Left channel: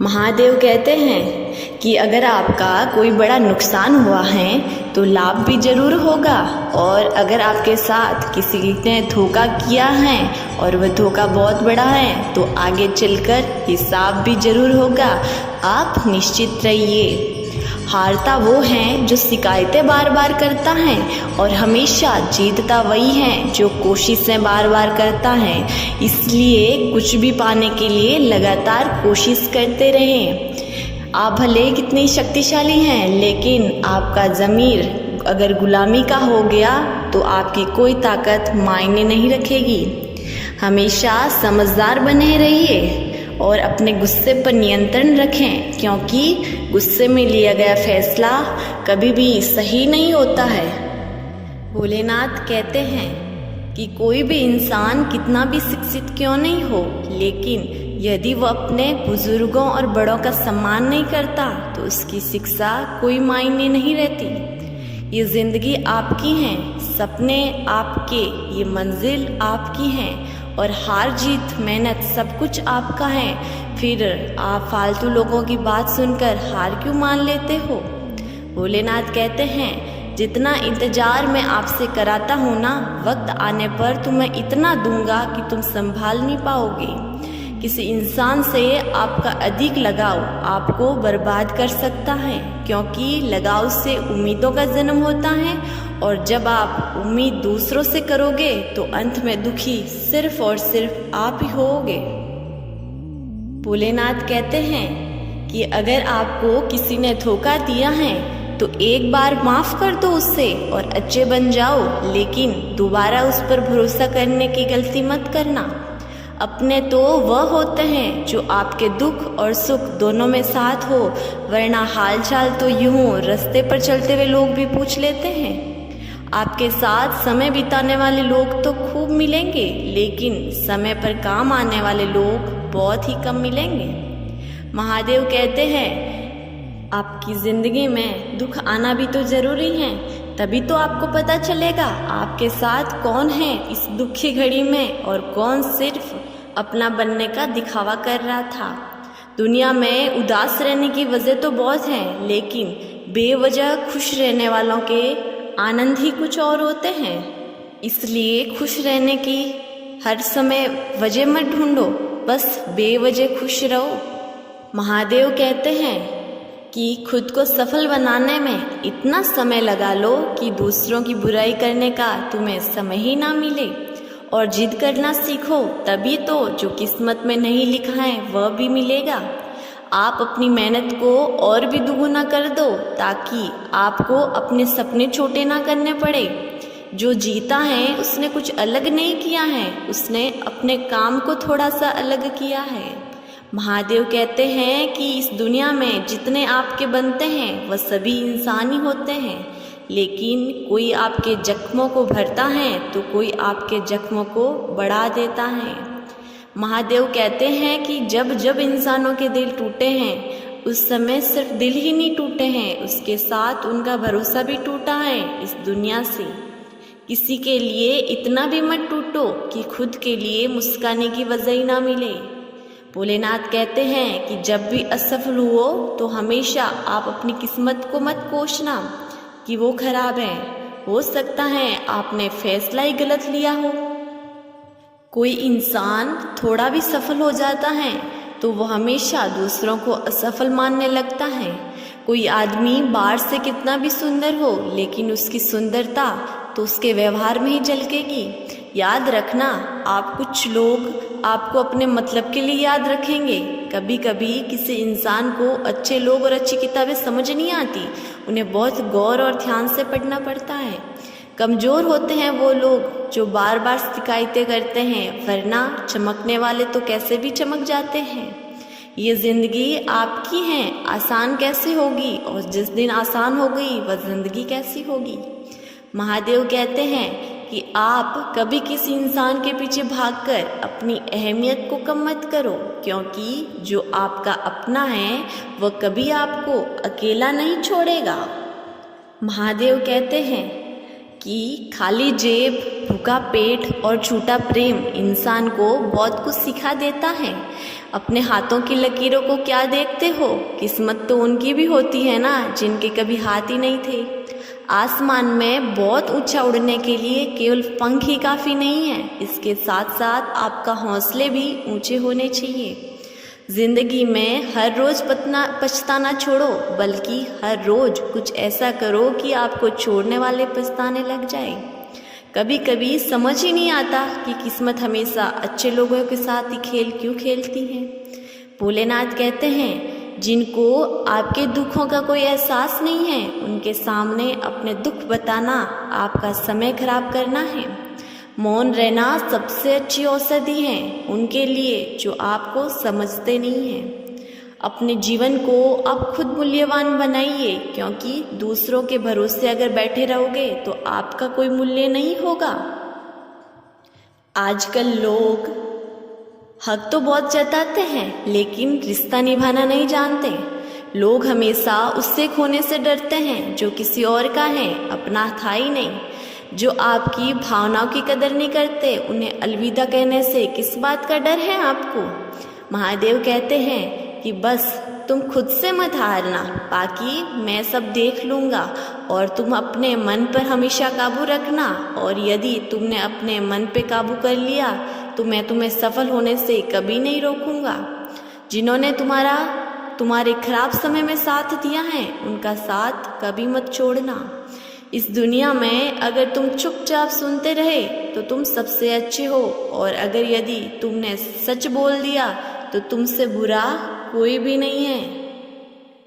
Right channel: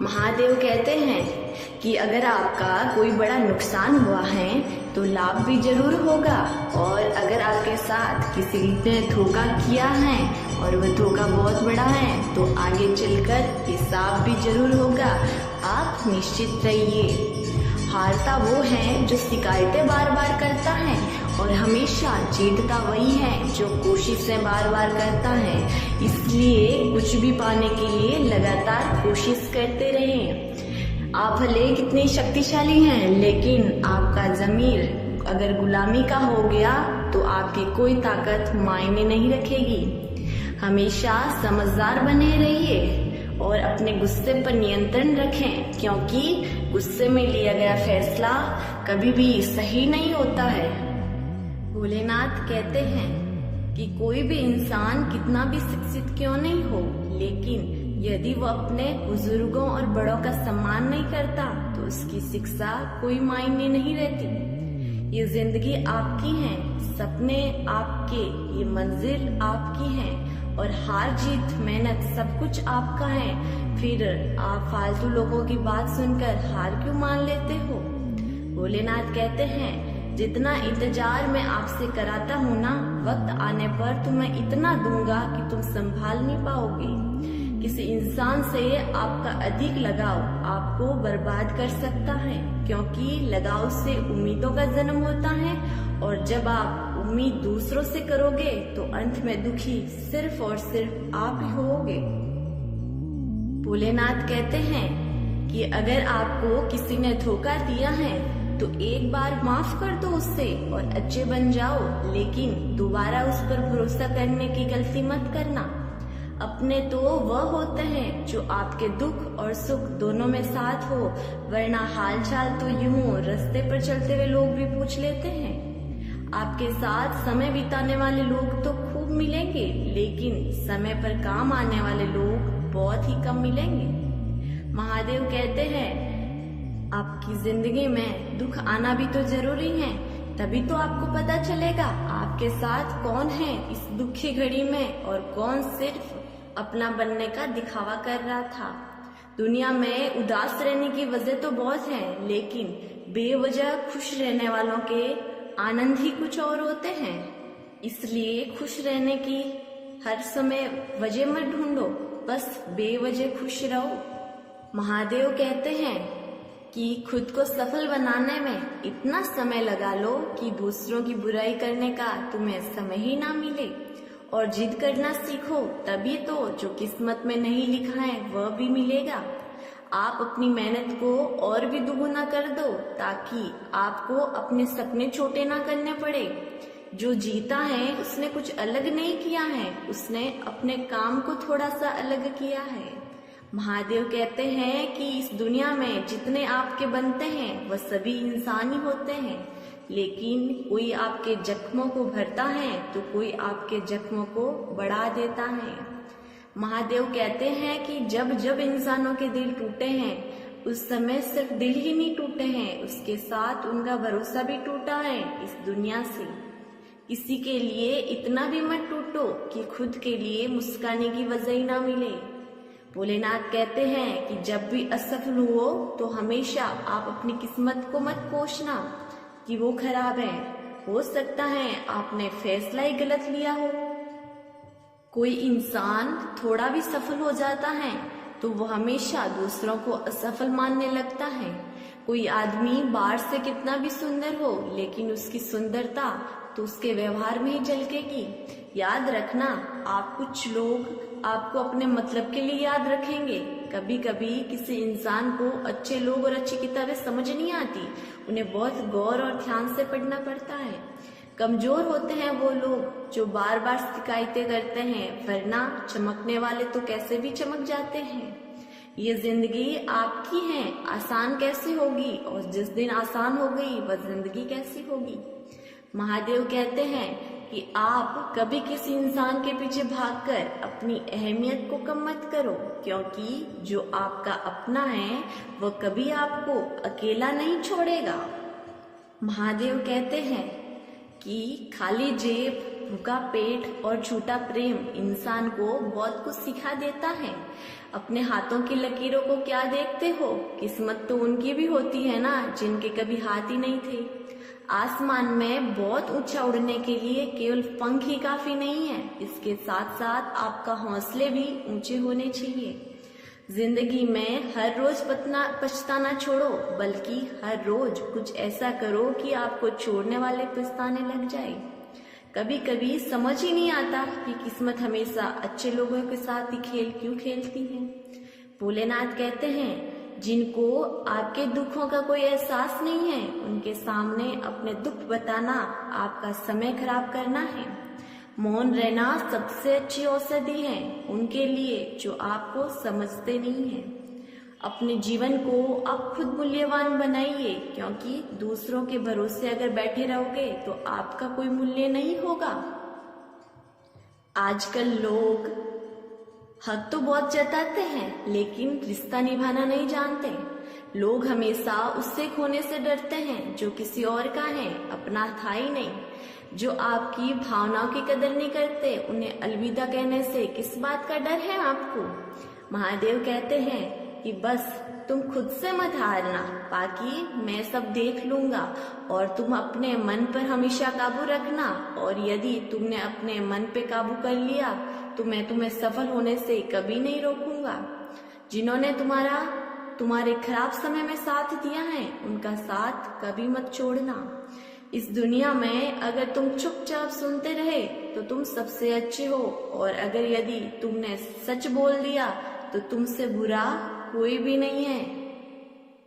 महादेव कहते हैं कि अगर आपका कोई बड़ा नुकसान हुआ है तो लाभ भी जरूर होगा, और अगर आपके साथ किसी ने धोखा किया है और वह धोखा बहुत बड़ा है तो आगे चलकर हिसाब भी जरूर होगा। आप निश्चित रहिए। हारता वो है जो शिकायतें बार बार करता है, और हमेशा जीतता वही है जो कोशिशें बार बार करता है। इसलिए कुछ भी पाने के लिए लगातार कोशिश करते रहें। आप भले कितने शक्तिशाली हैं, लेकिन आपका ज़मीर अगर गुलामी का हो गया तो आपकी कोई ताकत मायने नहीं रखेगी। हमेशा समझदार बने रहिए और अपने गुस्से पर नियंत्रण रखें, क्योंकि गुस्से में लिया गया फैसला कभी भी सही नहीं होता है। भोलेनाथ कहते हैं कि कोई भी इंसान कितना भी शिक्षित क्यों नहीं हो, लेकिन यदि वो अपने बुजुर्गों और बड़ों का सम्मान नहीं करता तो उसकी शिक्षा कोई मायने नहीं रहती। ये जिंदगी आपकी है, सपने आपके, ये मंजिल आपकी है, और हार जीत मेहनत सब कुछ आपका है। फिर आप फालतू लोगों की बात सुनकर हार क्यों मान लेते हो। भोलेनाथ कहते हैं, जितना इंतजार मैं आपसे कराता हूँ ना, वक्त आने पर तुम्हें इतना दूंगा कि तुम संभाल नहीं पाओगे। किसी इंसान से आपका अधिक लगाव आपको बर्बाद कर सकता है, क्योंकि लगाव से उम्मीदों का जन्म होता है, और जब आप उम्मीद दूसरों से करोगे तो अंत में दुखी सिर्फ और सिर्फ आप ही होगे। भोलेनाथ कहते हैं कि अगर आपको किसी ने धोखा दिया है तो एक बार माफ कर दो उससे और अच्छे बन जाओ, लेकिन दोबारा उस पर भरोसा करने की गलती मत करना। अपने तो वह होते हैं जो आपके दुख और सुख दोनों में साथ हो, वरना हालचाल तो यूं रास्ते पर चलते हुए लोग भी पूछ लेते हैं। आपके साथ समय बिताने वाले लोग तो खूब मिलेंगे, लेकिन समय पर काम आने वाले लोग बहुत ही कम मिलेंगे। महादेव कहते हैं, आपकी जिंदगी में दुख आना भी तो जरूरी है, तभी तो आपको पता चलेगा आपके साथ कौन है इस दुखी घड़ी में और कौन सिर्फ अपना बनने का दिखावा कर रहा था। दुनिया में उदास रहने की वजह तो बहुत है, लेकिन बेवजह खुश रहने वालों के आनंद ही कुछ और होते हैं। इसलिए खुश रहने की हर समय वजह मत ढूंढो, बस बेवजह खुश रहो। महादेव कहते हैं कि खुद को सफल बनाने में इतना समय लगा लो कि दूसरों की बुराई करने का तुम्हें समय ही ना मिले, और जिद करना सीखो, तभी तो जो किस्मत में नहीं लिखा है वह भी मिलेगा। आप अपनी मेहनत को और भी दुगुना कर दो, ताकि आपको अपने सपने छोटे ना करने पड़े। जो जीता है उसने कुछ अलग नहीं किया है, उसने अपने काम को थोड़ा सा अलग किया है। महादेव कहते हैं कि इस दुनिया में जितने आपके बनते हैं वह सभी इंसान ही होते हैं, लेकिन कोई आपके जख्मों को भरता है तो कोई आपके जख्मों को बढ़ा देता है। महादेव कहते हैं कि जब जब इंसानों के दिल टूटे हैं, उस समय सिर्फ दिल ही नहीं टूटे हैं, उसके साथ उनका भरोसा भी टूटा है इस दुनिया से। किसी के लिए इतना भी मत टूटो कि खुद के लिए मुस्काने की वजह ही ना मिले। भोलेनाथ कहते हैं कि जब भी असफल हुओ तो हमेशा आप अपनी किस्मत को मत कोसना कि वो खराब है। हो सकता है आपने फैसला ही गलत लिया हो। कोई इंसान थोड़ा भी सफल हो जाता है तो वो हमेशा दूसरों को असफल मानने लगता है। कोई आदमी बाहर से कितना भी सुंदर हो, लेकिन उसकी सुंदरता तो उसके व्यवहार में ही झलकेगी। याद रखना, आप कुछ लोग आपको अपने मतलब के लिए याद रखेंगे। कभी कभी किसी इंसान को अच्छे लोग और अच्छी किताबें समझ नहीं आती, उन्हें बहुत गौर और ध्यान से पढ़ना पड़ता है। कमज़ोर होते हैं वो लोग जो बार बार शिकायतें करते हैं, वरना चमकने वाले तो कैसे भी चमक जाते हैं। ये ज़िंदगी आपकी है, आसान कैसे होगी, और जिस दिन आसान हो गई वह ज़िंदगी कैसी होगी। महादेव कहते हैं कि आप कभी किसी इंसान के पीछे भागकर अपनी अहमियत को कम मत करो, क्योंकि जो आपका अपना है वह कभी आपको अकेला नहीं छोड़ेगा। महादेव कहते हैं कि खाली जेब भूखा पेट और झूठा प्रेम इंसान को बहुत कुछ सिखा देता है। अपने हाथों की लकीरों को क्या देखते हो? किस्मत तो उनकी भी होती है ना, जिनके कभी हाथ ही नहीं थे। आसमान में बहुत ऊंचा उड़ने के लिए केवल पंख ही काफ़ी नहीं है, इसके साथ साथ आपका हौसले भी ऊंचे होने चाहिए। जिंदगी में हर रोज़ पछताना छोड़ो, बल्कि हर रोज़ कुछ ऐसा करो कि आपको छोड़ने वाले पछताने लग जाए। कभी कभी समझ ही नहीं आता कि किस्मत हमेशा अच्छे लोगों के साथ ही खेल क्यों खेलती है। भोलेनाथ कहते हैं, जिनको आपके दुखों का कोई एहसास नहीं है, उनके सामने अपने दुख बताना आपका समय खराब करना है। मौन रहना सबसे अच्छी औषधि है उनके लिए जो आपको समझते नहीं हैं। अपने जीवन को आप खुद मूल्यवान बनाइए, क्योंकि दूसरों के भरोसे अगर बैठे रहोगे तो आपका कोई मूल्य नहीं होगा। आजकल लोग हक तो बहुत जताते हैं, लेकिन रिश्ता निभाना नहीं जानते। लोग हमेशा उससे खोने से डरते हैं जो किसी और का है, अपना था ही नहीं। जो आपकी भावनाओं की कदर नहीं करते, उन्हें अलविदा कहने से किस बात का डर है आपको? महादेव कहते हैं कि बस तुम खुद से मत हारना, बाकी मैं सब देख लूँगा, और तुम अपने मन पर हमेशा काबू रखना। और यदि तुमने अपने मन पे काबू कर लिया तो मैं तुम्हें सफल होने से कभी नहीं रोकूंगा। जिन्होंने तुम्हारे खराब समय में साथ दिया है, उनका साथ कभी मत छोड़ना। इस दुनिया में अगर तुम चुपचाप सुनते रहे तो तुम सबसे अच्छे हो, और अगर यदि तुमने सच बोल दिया तो तुमसे बुरा कोई भी नहीं है।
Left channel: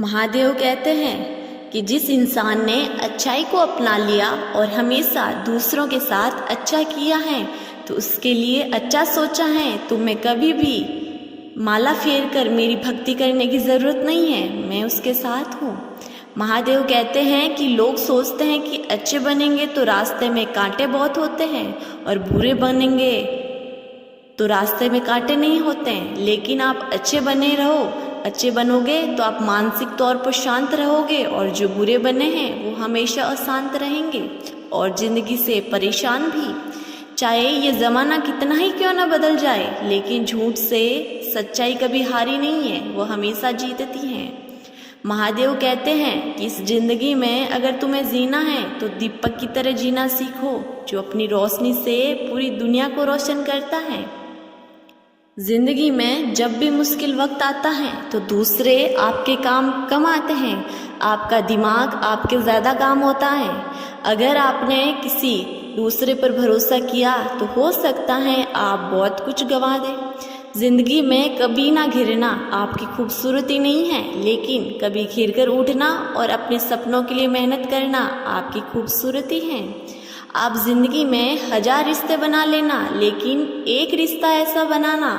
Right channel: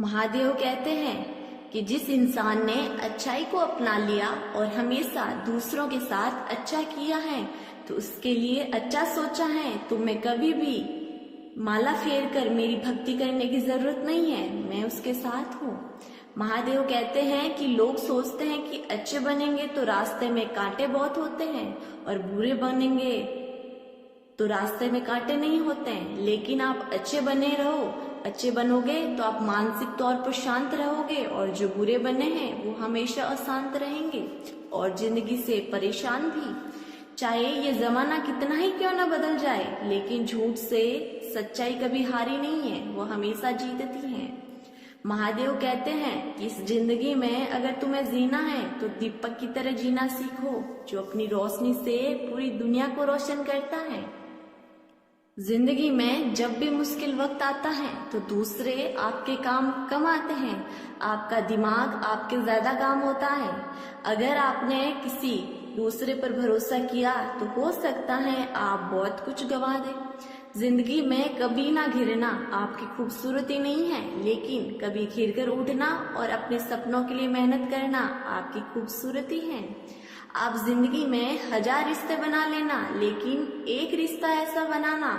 महादेव कहते हैं कि जिस इंसान ने अच्छाई को अपना लिया और हमेशा दूसरों के साथ अच्छा किया है, तो उसके लिए अच्छा सोचा है। तुम्हें कभी भी माला फेर कर मेरी भक्ति करने की जरूरत नहीं है, मैं उसके साथ हूँ। महादेव कहते हैं कि लोग सोचते हैं कि अच्छे बनेंगे तो रास्ते में कांटे बहुत होते हैं, और बुरे बनेंगे तो रास्ते में कांटे नहीं होते हैं। लेकिन आप अच्छे बनोगे तो आप मानसिक तौर पर शांत रहोगे, और जो बुरे बने हैं वो हमेशा अशांत रहेंगे और जिंदगी से परेशान भी। चाहे ये ज़माना कितना ही क्यों ना बदल जाए, लेकिन झूठ से सच्चाई कभी हारी नहीं है, वो हमेशा जीतती है। महादेव कहते हैं कि इस जिंदगी में अगर तुम्हें जीना है तो दीपक की तरह जीना सीखो, जो अपनी रोशनी से पूरी दुनिया को रोशन करता है। जिंदगी में जब भी मुश्किल वक्त आता है तो दूसरे आपके काम कम आते हैं, आपका दिमाग आपके ज़्यादा काम होता है। अगर आपने किसी दूसरे पर भरोसा किया तो हो सकता है आप बहुत कुछ गंवा दें। जिंदगी में कभी ना घिरना आपकी खूबसूरती नहीं है, लेकिन कभी घिर कर उठना और अपने सपनों के लिए मेहनत करना आपकी खूबसूरती है। आप जिंदगी में 1000 रिश्ते बना लेना, लेकिन एक रिश्ता ऐसा बनाना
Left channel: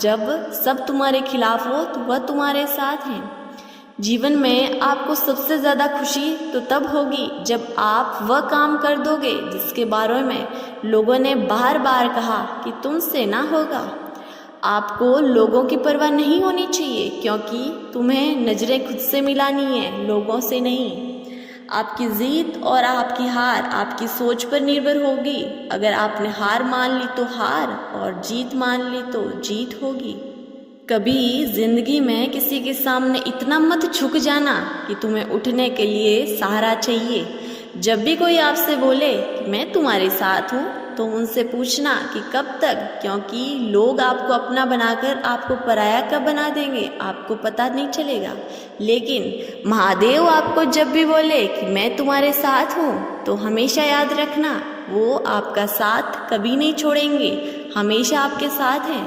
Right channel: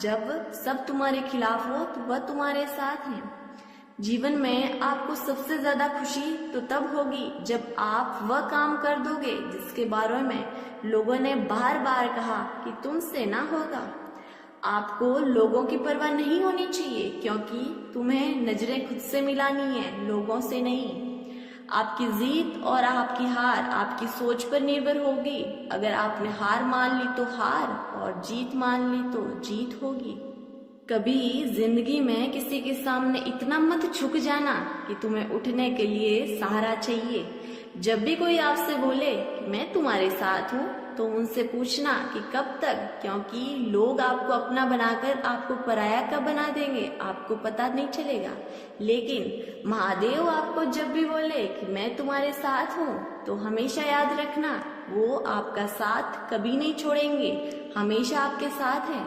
जब सब तुम्हारे खिलाफ हो तो वह तुम्हारे साथ है। जीवन में आपको सबसे ज़्यादा खुशी तो तब होगी जब आप वह काम कर दोगे जिसके बारे में लोगों ने बार बार कहा कि तुमसे ना होगा। आपको लोगों की परवाह नहीं होनी चाहिए, क्योंकि तुम्हें नज़रें खुद से मिलानी है, लोगों से नहीं। आपकी जीत और आपकी हार आपकी सोच पर निर्भर होगी। अगर आपने हार मान ली तो हार, और जीत मान ली तो जीत होगी। कभी जिंदगी में किसी के सामने इतना मत झुक जाना कि तुम्हें उठने के लिए सहारा चाहिए। जब भी कोई आपसे बोले कि मैं तुम्हारे साथ हूँ, तो उनसे पूछना कि कब तक, क्योंकि लोग आपको अपना बनाकर आपको पराया कब बना देंगे आपको पता नहीं चलेगा। लेकिन महादेव आपको जब भी बोले कि मैं तुम्हारे साथ हूँ, तो हमेशा याद रखना वो आपका साथ कभी नहीं छोड़ेंगे, हमेशा आपके साथ हैं।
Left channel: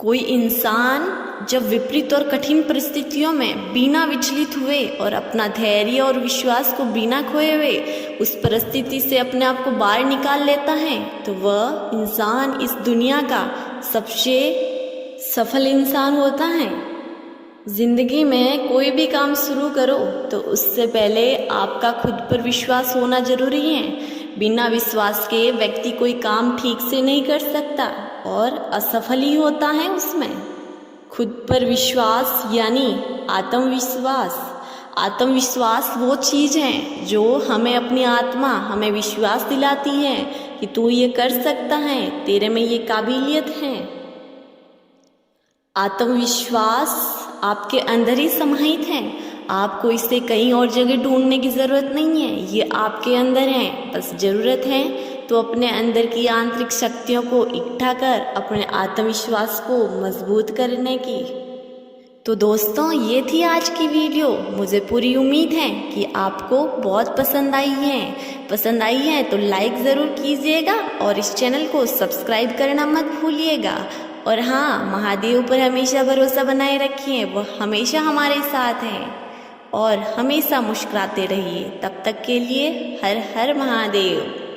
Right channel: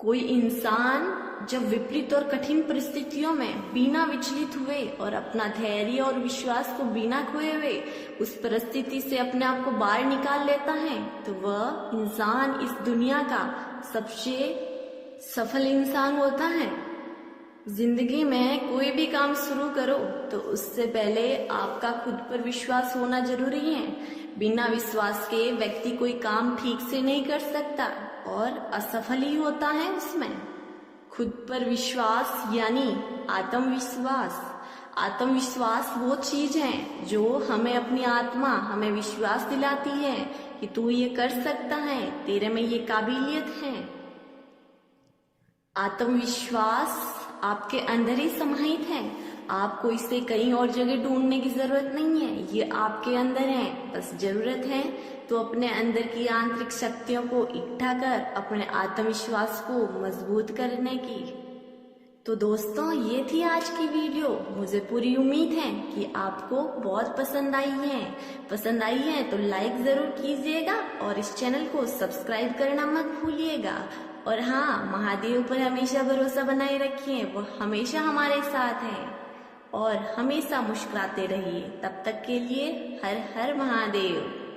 कोई इंसान जब विपरीत और कठिन परिस्थितियों में बिना विचलित हुए और अपना धैर्य और विश्वास को बिना खोए हुए उस परिस्थिति से अपने आप को बाहर निकाल लेता है, तो वह इंसान इस दुनिया का सबसे सफल इंसान होता है। जिंदगी में कोई भी काम शुरू करो तो उससे पहले आपका खुद पर विश्वास होना जरूरी है। बिना विश्वास के व्यक्ति कोई काम ठीक से नहीं कर सकता और असफल ही होता है उसमें। खुद पर विश्वास यानी आत्मविश्वास। आत्मविश्वास वो चीज़ है जो हमें अपनी आत्मा हमें विश्वास दिलाती है कि तू ये कर सकता है, तेरे में ये काबिलियत है। आत्मविश्वास आपके अंदर ही समाहित है, आपको इसे कहीं और जगह ढूंढने की ज़रूरत नहीं है, ये आपके अंदर है। बस ज़रूरत है तो अपने अंदर की आंतरिक शक्तियों को इकट्ठा कर अपने आत्मविश्वास को मजबूत करने की। तो दोस्तों, ये थी आज की वीडियो। मुझे पूरी उम्मीद है कि आपको बहुत पसंद आई है तो लाइक ज़रूर कीजिएगा और इस चैनल को सब्सक्राइब करना मत भूलिएगा। और हाँ, महादेव पर हमेशा भरोसा बनाए रखिए, वो हमेशा हमारे साथ हैं और हमेशा मुस्कुराते रहिए। तब तक के लिए हर हर महादेव।